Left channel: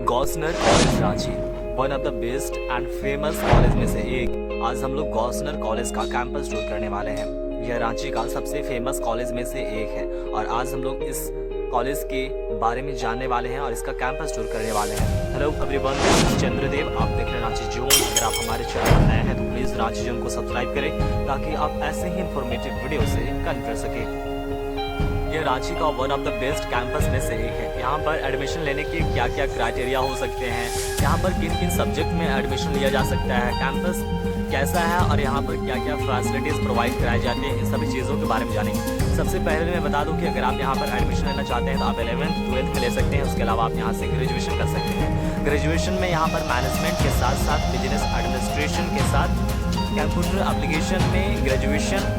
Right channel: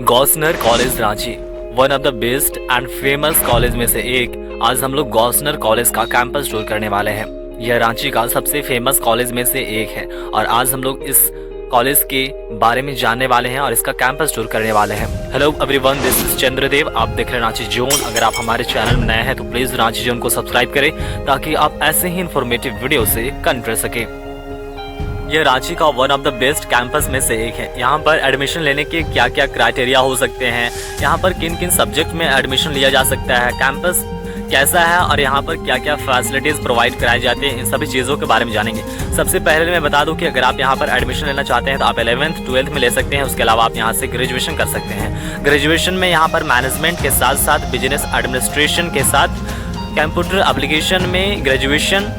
गॉसनर college Ranchi one of the best and famous college में से एक। आज हम लोग गॉसनर कॉलेज का कैंपस टूर करने वाले हैं। यह रांची का सबसे फेमस कॉलेज में से एक है और आज हम लोग इस कॉलेज के बारे में जानने वाले हैं और इसका कैंपस टूर करने वाले हैं। Hello everyone, this is Chandradev. आप देख रहे हैं रांची जोन। अगर आप हमारे चैनल में नए हैं तो प्लीज़ रांची जोन को सब्सक्राइब करें ताकि आप ऐसे ही इन्फॉर्मेटिव वीडियो से कनेक्ट कर सकें। यह रांची का one of the best campus में से एक है। यहाँ पर एडमिशन लेने के क्या क्या क्राइटेरिया हो सकते हैं, यहाँ पर किन किन सब्जेक्ट में एडमिशन लिया जा सकता है, कैंपस कैसा है और यहाँ पर क्या क्या फैसिलिटीज़ प्रोवाइड कराई जाती हैं, इन सभी चीज़ों के बारे में जानेंगे। सबसे पहले मैं बता दूं कि अगर आप यहाँ पर एडमिशन लेना चाहते हैं तो आप 11th 12th में ले सकते हैं। उसके अलावा आप यहाँ से ग्रेजुएशन कर सकते हैं। ग्रेजुएशन में यहाँ पर मैनेजमेंट के साथ साथ बिजनेस एडमिनिस्ट्रेशन के साथ कंप्यूटर एप्लीकेशन में ग्रेजुएशन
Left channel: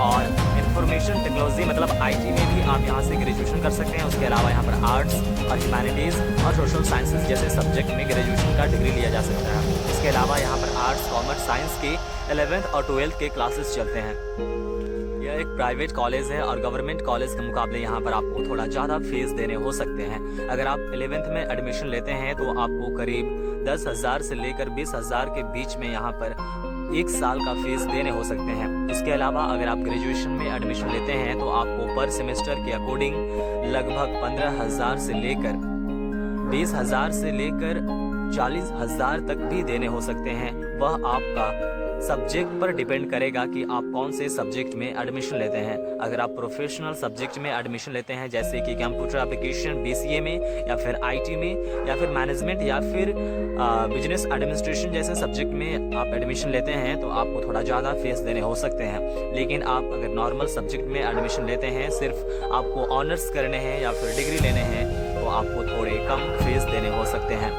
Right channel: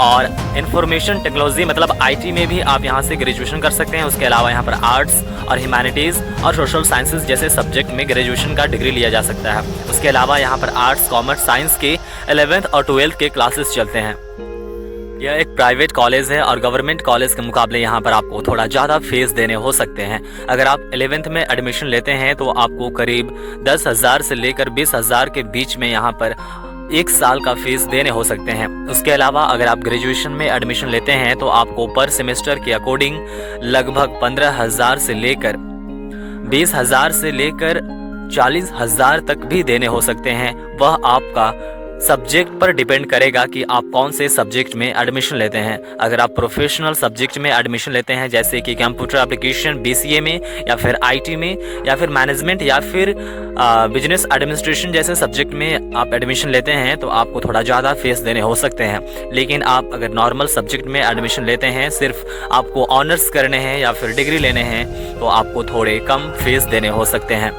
और इंफॉर्मेशन टेक्नोलॉजी मतलब आईटी में भी आप यहाँ से ग्रेजुएशन कर सकते हैं। उसके अलावा यहाँ पर आर्ट्स और ह्यूमैनिटीज़ और सोशल साइंसेज जैसे सब्जेक्ट में ग्रेजुएशन का डिग्री लिया जा सकता है। उसके अलावा यहाँ पर आर्ट्स, कॉमर्स, साइंस के 11th और 12th के क्लासेस चलते हैं। यह एक प्राइवेट कॉलेज है और गवर्नमेंट कॉलेज के मुकाबले यहाँ पर आपको थोड़ा ज़्यादा फीस देने हो सकते हैं। अगर आप 11th में एडमिशन लेते हैं तो आपको करीब 10,000 से लेकर 20,000 के बीच में यहाँ पर एक साल का फीस देने हो सकते हैं। उसके अलावा अगर आप ग्रेजुएशन में एडमिशन लेते हैं तो आपको पर सेमेस्टर के अकॉर्डिंग लगभग 15,000 से लेकर 20,000 से लेकर 40,000 तक भी देने हो सकते हैं। वह आपका सब्जेक्ट पर डिपेंड करेगा कि आप कौन से सब्जेक्ट में एडमिशन लेते हैं। अगर आप प्रोफेशनल सब्जेक्ट में एडमिशन लेते हैं जैसे कि कंप्यूटर एप्लीकेशन BCA में या फिर IT में या फिर मैनेजमेंट या फिर बिजनेस एडमिनिस्ट्रेशन जैसे सब्जेक्ट में आप एडमिशन लेते हैं तो आपको थोड़ा ज़्यादा फीस देने हो सकते हैं। लेकिन आप अगर नॉर्मल सब्जेक्ट में एडमिशन लेते हैं, सिर्फ आपको ऑनर्स करने हैं या फिर डिग्री लेने हैं, तो आपको थोड़े कम फीस देने हो सकते हैं।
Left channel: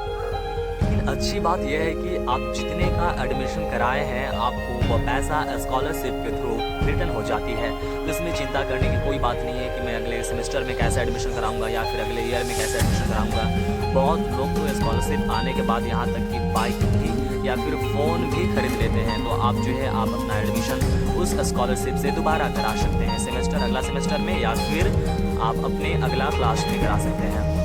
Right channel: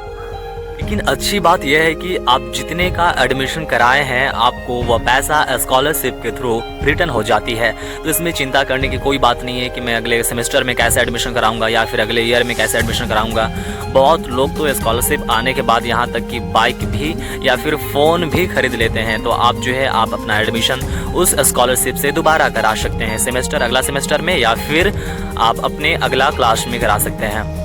लेकिन अच्छी बात यह है कि आप जितने का एडमिशन कराए हैं आपको वह पैसा स्कॉलरशिप के थ्रू रिटर्न हो जाती है। तो इसमें चिंता करने की कोई बात नहीं है कि मैं अगले सेमेस्टर में कैसे एडमिशन कराऊंगा या फिर अगले ईयर में कैसे एडमिशन कराऊंगा। बहुत लोग तो स्कॉलरशिप आने के बाद यहाँ तक कि बाइक भी या फिर फ़ोन भी खरीद लेते हैं। तो आप जो है आप अपना एडमिशन उस स्कॉलरशिप से दोबारा करा सकते हैं सेमेस्टर अगला सेमेस्टर में या फिर आप अपने अगला क्लास में करा सकते हैं।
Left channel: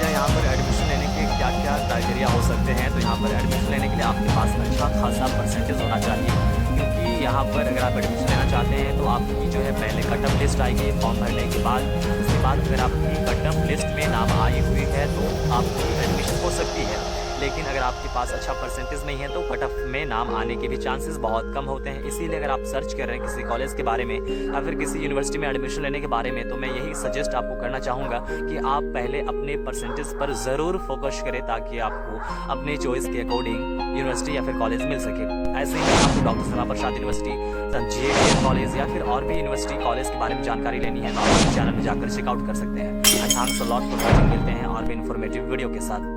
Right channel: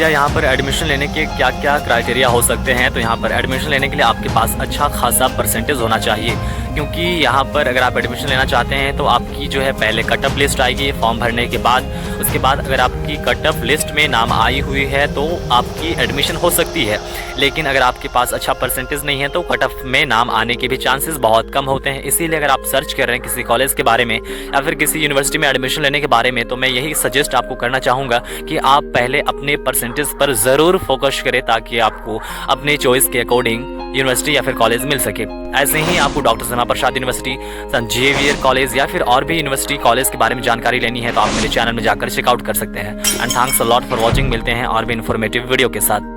यहाँ पर एडमिशन लेने के क्या क्या क्राइटेरिया हो सकते हैं, तो यहाँ पर एडमिशन लेने के लिए आपके पास अच्छा खासा परसेंटेज होना चाहिए। क्योंकि यहाँ पर अगर आप एडमिशन लेना चाहते हैं तो आपकी जो है पहले कट ऑफ लिस्ट आएगी फॉर्म भरने के बाद। उसके बाद अगर आपकी कट ऑफ लिस्ट में नाम आई हुई है तो आपकी एडमिशन हो सकती है। लेकिन अगर आपके पास अच्छा परसेंटेज नहीं है तो कट ऑफ में नाम आने के भी चांसेस बहुत कम होते हैं। इसीलिए अगर आप सर्च कर रहे हैं किसी कॉलेज के बारे में या फिर किसी यूनिवर्सिटी में एडमिशन लेने के बारे में, तो मैं यही सजेस्ट आपको करना चाहूँगा कि आप पहले अपने परसेंटेज पर ज़रूर फोकस करें ताकि आपको अपने चॉइस के अकॉर्डिंग यूनिवर्सिटी या फिर कॉलेज मिल सके। ऐसे ही आपको डॉक्टर श्यामा प्रसाद यूनिवर्सिटी, संत जेवियर कॉलेज या फिर और भी यूनिवर्सिटी कॉलेज के बारे में जानकारी लेनी है तो आप मेरे चैनल में जाकर चेकआउट कर सकते हैं। And thanks a lot for watching. मिलते हैं और भी इन्फॉर्मेटिव वीडियो के साथ।